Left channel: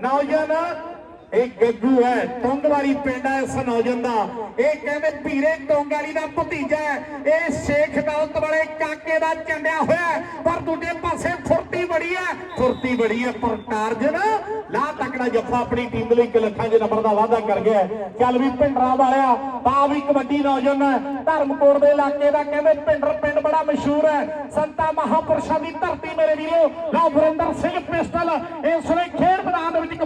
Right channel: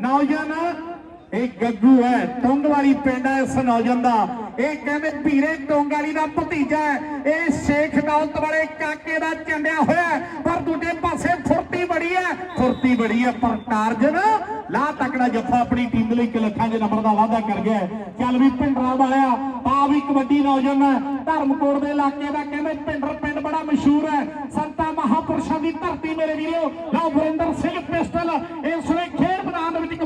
ਨੌਜਵਾਨ, ਇਹ ਗੱਗੂ ਹੈ ਟੁੰਗ ਵਾਲੀ ਪਿੰਡ ਹੈ ਇਸ ਨੌਜਵਾਨ ਦਾ। ਇਹ ਕਹਿੰਦੇ ਭੀਰੇ ਟੁੰਗ ਦਾ ਭਤੀਜਾ ਹੈ। ਇਹ ਸ਼ੇਖ ਦੌਲਤ ਵਾਲੇ ਕਾਕੇ ਦਾ ਚੰਡਿਆ ਹੋਇਆ ਪਰ ਦੂਜੇ ਪਾਸੇ ਫੁਰਤੀ ਬੜੀ ਹੈ। ਫੁਰਤੀ ਬੜੀ ਹੈ, ਪਰ ਟਾਰਜਨ ਲਾ ਤਕੜਾ ਜੱਫਾ ਆਪਣੀ ਟੀਮ ਲਈ ਇੱਕ ਲੱਖਾਂ ਦੇ ਨੰਬਰ ਦਾ ਵਾਅਦਾ ਕਰ ਗਿਆ ਚੱਲ ਵੀ ਭਿੰਡਰਾ ਵਾਲਿਆ ਪਾ ਵੀ ਕਬੱਡੀ ਨੌਜਵਾਨ ਹੈ। ਧਰਮਕੋਟ ਦੇ ਇਲਾਕੇ ਦਾ ਕਹਿੰਦੇ ਭਿੰਡਰ ਪਿੰਡ ਬੜਾ ਮਸ਼ਹੂਰ ਹੈ। ਸੰਤਾ ਮਹਾਪੁਰਸ਼ਾਂ ਦੀ ਧਰਤੀ ਮੇਰੇ ਵੀਰੋ, ਲਓ ਵਰਿੰਦਰ ਸਿੰਘ ਪਿਸਟਲ, ਇਸ ਵੇਲੇ ਖੇਡ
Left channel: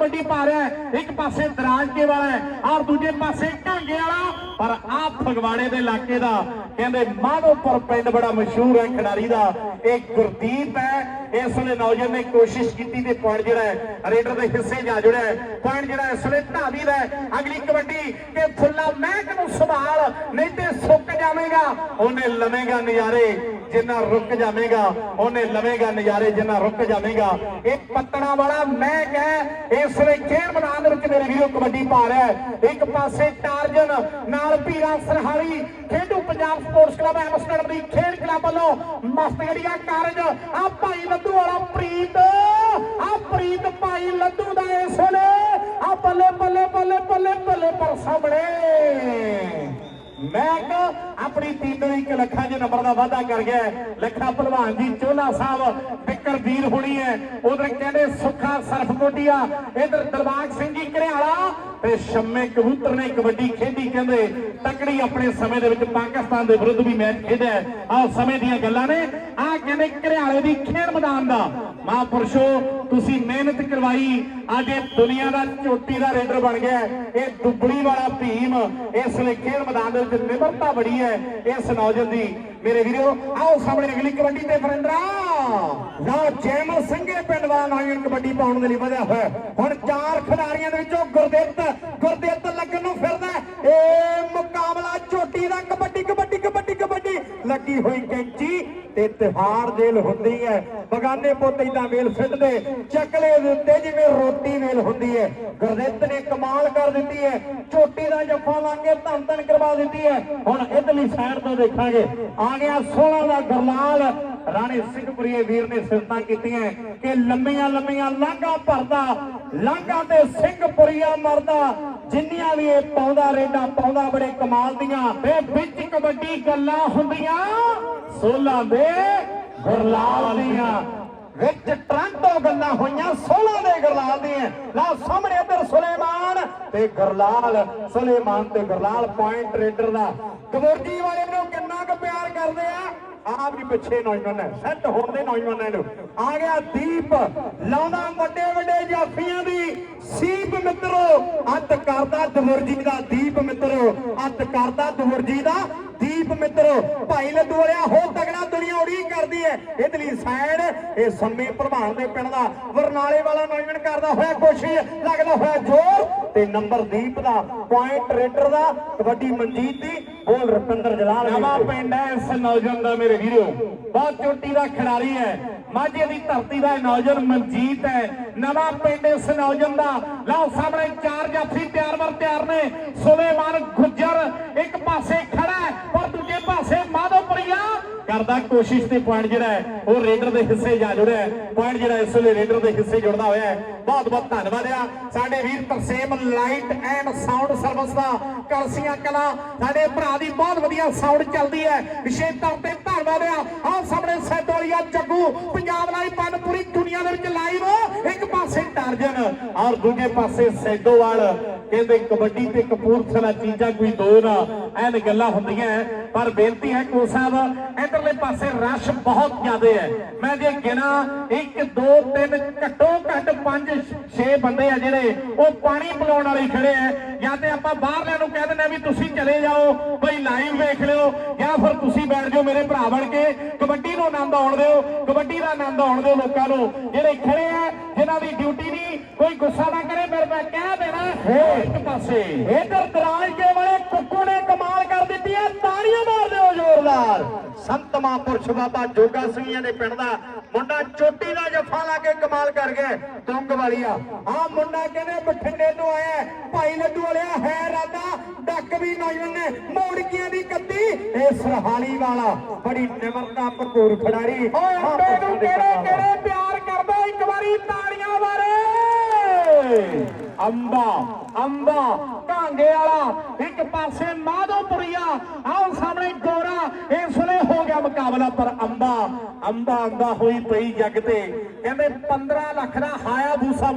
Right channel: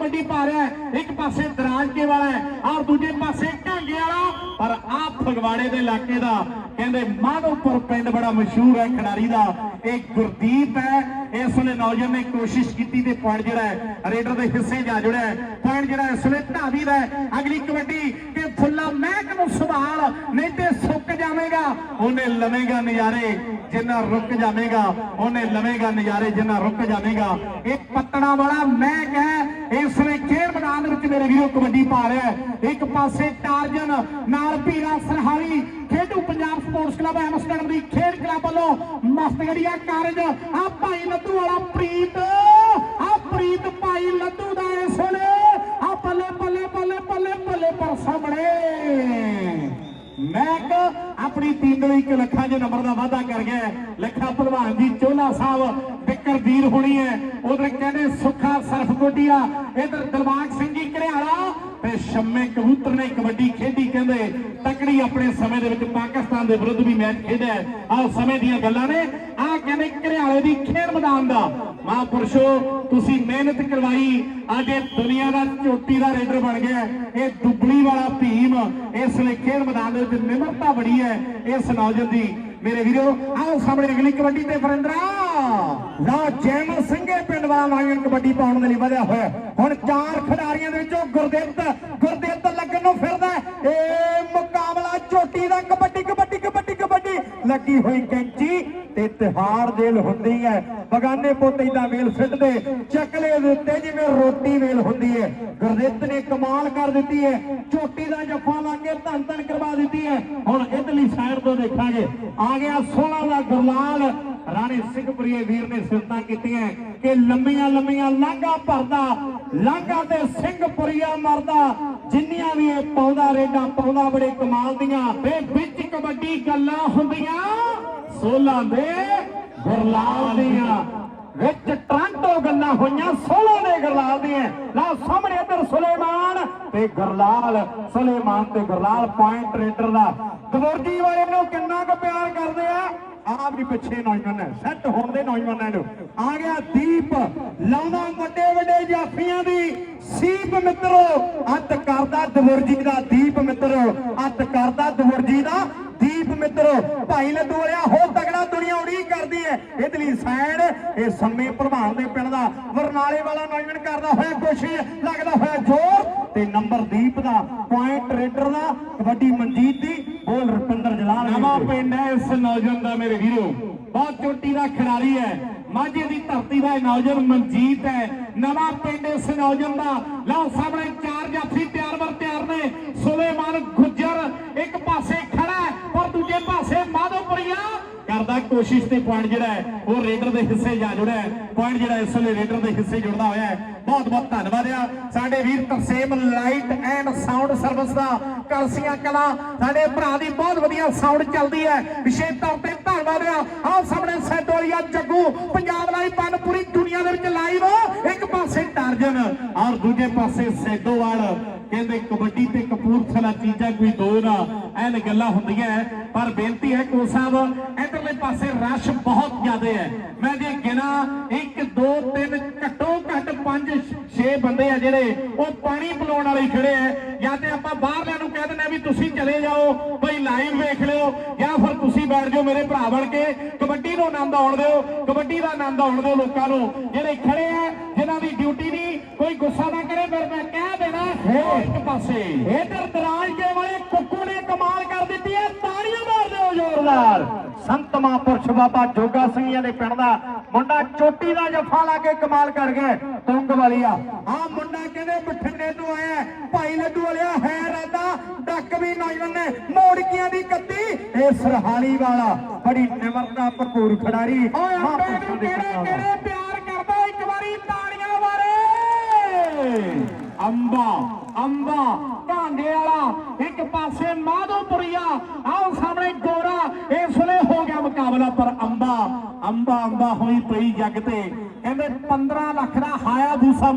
ਕਬੱਡੀ ਪਾ ਰਿਹਾ ਹੈ, ਇੱਕ ਪਾਸੇ ਦਰਾਜਕੇ ਵਾਲਾ ਹੈ ਔਰ ਦੂਜੇ ਪਾਸੇ ਢਾਂਗੇ ਵਾਲਾ। ਪਰ ਆ ਫਗਵਾੜੇ ਦੇ ਇਲਾਕੇ ਦਾ, ਕਹਿੰਦੇ ਮਾਧੋਪੁਰ ਪਿੰਡ ਬੜਾ ਮਸ਼ਹੂਰ ਹੈ ਖਿਡਾਰੀ ਦਾ। ਇਹ ਗੁਰਦੀਪ ਹੈ, ਇਸ ਵੇਲੇ ਨੌਜਵਾਨ ਨੇ ਕੋਸ਼ਿਸ਼ ਕੀਤੀ ਤੇ ਪੁਆਇੰਟ ਜਿਹੜਾ ਰੇਡਰ ਦੇ ਹਿੱਸੇ ਜਾ ਜੁੜਿਆ ਪੁਆਇੰਟ ਜਿਹੜਾ ਇਸ ਵੇਲੇ ਢਾਵੀ ਦਾ ਅਗਲੀ ਕਬੱਡੀ ਕਿ ਫੁੱਲਾ ਮਹਿਕ ਨੂੰ ਸੰਭਾਲ, ਨਹੀਂ ਤੇ ਜਾਵੇਗਾ, ਉਹਨੇ ਲਵੇਂਗਾ ਨਜ਼ਾਰੇ, ਜਿੰਨਾ ਰੁਕ ਜਾਵੇਗਾ, ਉਹਨੇ ਲਵੇਂਗਾ ਨਜ਼ਾਰੇ, ਜਿੰਨਾ ਰੁਕ ਜਾਵੇਗਾ। ਇਹ ਪੱਤਣਾ ਵਾਲਾ ਮਹਿਕ ਹੈ, ਇਸ ਵੇਲੇ ਖੇਡ ਮੈਦਾਨ ਦੇ ਵਿੱਚ ਮੇਰੇ ਵੀਰੋ ਕਬੱਡੀ ਪਾ ਰਿਹਾ ਹੈ। ਇੱਕ ਪਾਸੇ ਟਾਰਜਨ, ਨਾਲ Pira Sarhali, Khedu Punjab sports club Amsterdam ਦੀ ਖੇਡ ਕਲੱਬ ਵੱਲੋਂ ਮਸਤਗੜੀਆ ਕਾਰਜ। ਆ ਭਾਈ ਲੱਦੂ ਵਾਲਾ ਪ੍ਰੀਤ, ਆ ਪ੍ਰੀਤ ਭਾਈ ਲੱਦੂ ਦਾ ਇਸ ਵੇਲੇ, ਆ ਬੱਲੇ ਬੱਲੇ ਬੱਲੇ ਬੱਲੇ ਬੱਲੇ ਪਰ ਸਾਹਮਣੇ। ਮੈਂ ਆਪਣੀ ਟੀਮ ਦੇ ਇੱਕ ਲੱਖਾਂ ਦੇ ਨੰਬਰ ਦਾ ਵਾਅਦਾ ਕਰ ਗਿਆ ਲੱਖਾ ਭਲਵਾਨ ਜੀ ਚੋਲਾ ਸਾਹਿਬ ਬਿੱਕਰ ਹੋਣੀ ਹੈ। ਉਧਰ ਕਹਿੰਦੇ ਸੁੱਖਾ ਸਰਫਕੋਟੀਆ, ਇਧਰ ਦਲਬਾਗ ਸਿੰਘ ਜੀ ਘਰਿਆਲਾ ਤੇ ਸ਼ੰਮੇ ਕਬੂਤਰ ਨੇ ਕਬੱਡੀ ਖੇਡੀ ਕਹਿੰਦੇ, ਤਕੜੀ ਆਪਣੇ ਸਮੇਂ ਦੇ ਵਿੱਚ ਪਾਕਿਸਤਾਨ ਦੇ ਵਿਰੁੱਧ ਵੀ ਮੈਚ ਖੇਡਿਆ ਆਹ ਸਮੇਂ ਦੀਆਂ ਗੱਲਾਂ ਨੇ। ਕਹਿੰਦੇ ਘਰਿਆਲੇ ਦੀ ਖੇਡ ਮੈਦਾਨ ਦਾ। ਮਹਾਂਪੁਰਸ਼ੋ, ਤੁਸੀਂ ਮਿਹਨਤ ਕਰਵਾਈ। ਅੱਜ ਇਹ ਦੁਨੀਆ ਦਾ ਚੋਟੀ ਦਾ ਰੇਡਰ ਬਣ ਗਿਆ ਇਹ ਦੁੱਬੜੀ ਵਾਲਾ ਭੀਮ ਇਸ ਲਈ ਖੇਡ ਮੈਦਾਨ ਦੇ ਵਿੱਚ ਨਿਮਰਤਾ ਬੜੀ ਹੈ ਇਸ ਨੌਜਵਾਨ ਦੀ। ਮੇਰੇ ਵੀਰੋ, ਆਓ ਸਾਹਮਣੇ ਅਗਲੀ ਕਬੱਡੀ ਤੇ ਫਰਿੰਦਰਾ ਲਓ ਜੈਮਲ ਸਿੰਘੇ ਪਿੰਡ ਵਾਲਾ ਨੌਜਵਾਨ ਕਬੱਡੀ ਪਾਉਣ ਦੇ ਲਈ ਵਧਿਆ ਹੋਇਆ। ਹੁਣ ਚਾਰ ਖਿਡਾਰੀਆਂ ਦੇ ਵਿੱਚੋਂ ਗੁਰਦਿੱਤ ਗੁਰਦਿੱਤ ਲੱਗਣ ਨੂੰ ਫਿਰਦਾ ਹੈ। ਲੱਗੀ ਹੋਈ ਕੈਂਚੀ ਤੇ ਤਿਹਾੜ ਦੇਲ ਹੁੰਦੀ ਹੈ। ਬਗਾਨੇ ਪੁੱਤ ਇਦਾਂ ਵੇਲ ਸਿੱਟਦੇ ਚੱਕਲੇ ਦੇ ਉੱਤੇ ਜਿਵੇਂ ਰੋਟੀ ਵੇਲ ਹੁੰਦੀ ਹੈ। ਗੁਰਦਿੱਤ ਨੇ ਕਮਾਲ ਕਰ ਦਿੱਤੀ ਹੈ। ਚੋਟੀ ਦਾ ਜੱਫਾ ਲਾਂਗੇ ਧੰਨ ਧੰਨ ਕਰਵਾ ਦਿੱਤੀ ਹੈ। ਹੁਣ ਇਧਰਲੀ ਸਾਈਡ ਤੋਂ ਦੇਖਾਂਗੇ। ਆ ਗਿਆ 16 ਦਾ ਗੁਰਲਾਲ ਰਾਣੇ ਸਿੰਘਪੁਰੀਏ ਵੀਰ ਨੇ ਸਿਫਤਾਂ ਕੀਤੀਆਂ ਕਿ ਲੰਮੀਆਂ ਲੰਮੀਆਂ ਲਾਂਘਾਂ ਭਰਦਾ, ਲਾਂਘਾਂ ਤੇ ਸਿੰਘਪੁਰੀਆ ਮਰਦਾ, ਜਿੰਨੀਆਂ ਵੀ ਇਹ ਪਾਉਂਦਾ, ਰੇਡਾ ਪਾਉਂਦਾ, ਬੜੇ ਕਮਾਲ ਦੀਆਂ ਤੇ ਵਿੱਚ ਕਬੱਡੀ ਗੱਲਾਂ ਹੁੰਦੀਆਂ, ਸੋਲਾਂ ਦੇ ਗੁਰਲਾਲ ਦੀਆਂ। ਵਿੱਚ ਟਰਾਂਟੋ ਗੱਲਾਂ ਹੋਈਆਂ 16 ਦੇ ਗੁਰਲਾਲ ਦੀਆਂ। ਲਾ ਸਾਹਮਣੇ ਇੱਧਰ ਸੁਲੇਮਾਨ ਤੇ ਗੁਰਲਾਲ, ਸੁਲੇਮਾਨ ਤੇ ਗੁਰਲਾਲ ਪੁਆਇੰਟ ਰੇਡਰ ਦਾ। ਕਬਰਜੀ ਵਾਲੇ ਨੂੰ ਕਿੰਨਾ ਕੁ ਪਿਆਰ ਕਰਦੇ ਆ? ਆਪ ਵੀ ਪਿੱਛੇ ਨੌਜਵਾਨ ਹੈ ਸੈੱਟ ਹੋਣ ਦੇ ਨੌਜਵਾਨਾਂ ਨੂੰ। ਆ ਗਿਆ ਦੀਪ ਲਾਉਂਦਾ ਵੱਡੇ ਵੱਡੇ ਜਾਫੀਆਂ ਦੀ। ਸੀਪ ਮਿੱਤਰੋ ਅੱਤ ਕਰਦਾ ਦਵਰਜੀ ਦਾ ਦੀਪ ਮਿੱਤਰੋ ਅੱਤ ਕਰਦਾ ਦਵਰਜੀ ਦਾ ਦੀਪ ਮਿੱਤਰੋ। ਭਾਈ ਲੱਡੂ ਵਾਲਿਆ ਹੋ ਤਗੜਾ ਦੁਨੀਆ ਉਡੀਕ ਕਰਦੀ ਹੈ। ਇਧਰਲੀ ਸੈਣ ਇਹ ਸੰਮੇ ਪ੍ਰਧਾਨ ਦੇ ਪਿੰਡ ਦਾ ਵਰਨਾਲੇ ਵਾਲਾ ਨੌਜਵਾਨ ਕਰਦਾ ਹੋਇਆ ਕੋਸ਼ਿਸ਼ ਲੱਗਦਾ ਹੋਇਆ ਜ਼ੋਰ। ਤੇ ਨੰਬਰ ਦੀਪ ਦਾ ਪੁਆਇੰਟ ਰੇਡਰ ਦਾ, ਕਬੱਡੀ ਮਨਜੀਤ ਦੀ, ਬੋਲ ਰਪਿੰਦਰ ਜਲਾਲ ਨਵਾਂ ਪਿੰਡ ਹੈ ਇਸ ਨੌਜਵਾਨ ਦਾ ਮੇਰੇ ਵੀਰੋ। ਬਹੁਤ ਚੋਟੀ ਦਾ ਖਿਡਾਰੀ ਹੈ। ਮਾਝੇ ਦੀ ਧਰਤੀ ਦਾ ਨੌਜਵਾਨ ਮਨਜੀਤ ਹੈ। ਨਵਾਂ ਪਿੰਡ ਇਸ ਨੌਜਵਾਨ ਦਾ। ਲਓ ਸਾਹਮਣੇ ਚਾਰ ਜਾਫੀ ਤਿਆਰ ਵਰ ਤਿਆਰ ਨੇ। ਸੁਲੇਮਾਨ ਗੁੱਜਰ, ਇੱਕ ਪਾਸੇ ਖੜਾ ਹੈ ਪਰ ਦੂਜੇ ਪਾਸੇ ਮਾਧੋਪੁਰੀਆ ਕਰਦਾ ਕੋਸ਼ਿਸ਼ ਤੇ ਪੁਆਇੰਟ ਜਿਹੜਾ ਹੈ, ਉਹ ਰੇਡਰ ਦੇ ਹਿੱਸੇ ਜਾ ਜੁੜਿਆ ਹੈ। ਪੁਆਇੰਟ ਜਿਹੜਾ ਇਸ ਵੇਲੇ ਰੇਡਰ ਦੇ ਹਿੱਸੇ ਜੁੜਦਾ ਹੋਇਆ ਹੈ। ਬਹੁਤ ਬਹੁਤ ਧੰਨਵਾਦ ਆ। ਸਾਡੇ ਵੀਰ Tarsem light and sound service ਦਾ ਕਲਸੀਆਂ ਕਲਾ। ਸਾਡੇ ਭਰਾ ਦੀ ਬਹੁਤ ਵਧੀਆ ਸਾਊਂਡ ਚੱਲਦੀ ਹੈ। ਵਿਸ਼ੇਸ਼ ਤੌਰ ਤੇ ਧੰਨਵਾਦ ਆ। ਆਹ ਸਾਹਮਣੇ ਸੈਦੋਲੀਆ ਜੱਗੂ। ਪੰਜਾਬ ਲਾਈਵ ਪੰਨ ਪੂਰੀ ਦੁਨੀਆ ਦੇ ਵਿੱਚ ਲਾਈਵ ਇੱਕ ਪਾਸੇ ਟਾਰਜਨ ਔਰ ਦੂਜੇ ਪਾਸੇ ਸੈਦੋਵਾਲ। ਕਹਿੰਦੇ ਕਬੱਡੀ ਤੇ ਕਪੂਰਥਲਾ ਚੀਜ਼ਾਂ ਕੋਈ ਦੋ ਨਾ। ਐਨ ਗੱਲਾਂ ਹੁੰਦੀਆਂ ਪਰ ਬੇਨਤੀ ਹੈ ਕੋ ਸਾਹਿਬ ਇਧਰਲੇ ਪਾਸੇ ਰਸ਼ ਬਹੁਤ ਜ਼ਿਆਦਾ ਹੈ ਮੈਂ ਜੇ ਗਿਣਾ 1 2 3 ਘੱਟੋ ਘੱਟ 5 6 ਬੰਦੇ ਆ ਜਿਹੜੇ ਉਹ ਪਾਣੀ ਪਿਲਾਉਣ ਵਾਲੇ ਖੜੇ ਆ ਜਾਂ ਤੇ ਆਪਾਂ ਬਾਹਰਲਿਆਂ ਨੂੰ ਕਹਿ ਦਿੰਦੇ ਆ ਵੀ ਤੁਸੀਂ ਚਲੇ ਜਾਓ ਬਈ ਲਾਈਵ ਵੇਖ ਲਿਓ ਜਾਂ ਫਿਰ ਤੁਸੀਂ ਬੈਠ ਜਾਓ ਮੇਰੇ ਭਰਾ ਬਣ ਕੇ। ਕਬੱਡੀ ਨੂੰ ਆਨੰਦ ਆਉਣ ਦਿਓ ਕਬੱਡੀ ਦਾ ਆਨੰਦ ਆਉਣ ਦਿਓ ਲੋਕਾਂ ਨੂੰ। ਜਿਹੜੇ ਖੜੇ ਆ ਜਿਨ੍ਹਾਂ ਦੀ ਡਿਊਟੀ ਨਹੀਂ ਕੋਈ ਗੁੱਸਾ ਨਾ ਕਰੇ ਮੇਰੇ ਮੈਂ ਕਹਿ ਦੇਣਾ ਇੱਕ ਪਾਸੇ। ਇਧਰ ਦਰਾਜ ਕੇ ਵਾਲੇ ਕੁੱਕੂ ਨੇ ਕਮਾਲ ਕਰ ਦਿੱਤੀ ਹੈ ਤਾੜੀਆਂ ਮਾਰ ਦਿਓ ਜ਼ੋਰਦਾਰ ਸੰਤ ਮਹਾਂਪੁਰਸ਼ ਬਾਬਾ ਜੋਗਾ ਸਿੰਘ ਜੀ ਦੇ ਪਿੰਡ ਦਾ ਮੁੰਡਾ ਚੋਟੀ ਦਾ ਜੱਫਾ ਲਾ ਕੇ ਕਮਾਲ ਕਰ ਗਿਆ ਤੁੰਗ ਵਾਲੀਆ। ਆ ਮੁੰਡਾ ਕਹਿੰਦੇ ਬਠਿੰਡੇ ਤੋਂ ਆਇਆ। ਭਾਈ ਲੱਡੂ ਵਾਲਿਆ ਹੈ ਰਾਦਾ ਡੱਕ ਵੀ ਨੌਜਵਾਨ ਨੇ ਮੋੜਕੀਆਂ ਦੀ ਕੱਤੀ। ਇਹ ਸਰਹਾਲੀ ਵਾਲਾ ਬੜੀ ਨਿਮਰਤਾ ਭਰਪੂਰ ਖਿਡਾਰੀ। ਓਏ ਅੰਬੇ ਨੂੰ ਕਿਹੜੇ ਕਿਹੜੇ ਪਿਆਰ ਕਰਦਾ ਇੱਕ ਵਾਰੀ ਤਾੜੀਆਂ ਓਏ ਅੰਬਾ ਅੰਬਾ ਕਾਂਗੇ ਵਾਲਾ ਇੱਕ ਪਾਸੇ ਮਾਧੋਪੁਰੀਆ ਆਹ ਸਾਹਮਣੇ ਗੋਰਾ ਇਸ ਵੇਲੇ ਹੋ ਗਿਆ ਮੁਕਾਬਲਾ ਪਰ ਅੰਬਾ ਅੰਬਾ ਅੰਬਾ ਹੋਈ ਪਈ ਜੱਗ ਤੇ। ਕਹਿੰਦੇ 15 ਲੱਖ ਦਾ ਹਾਇਆ ਦੂਸਾ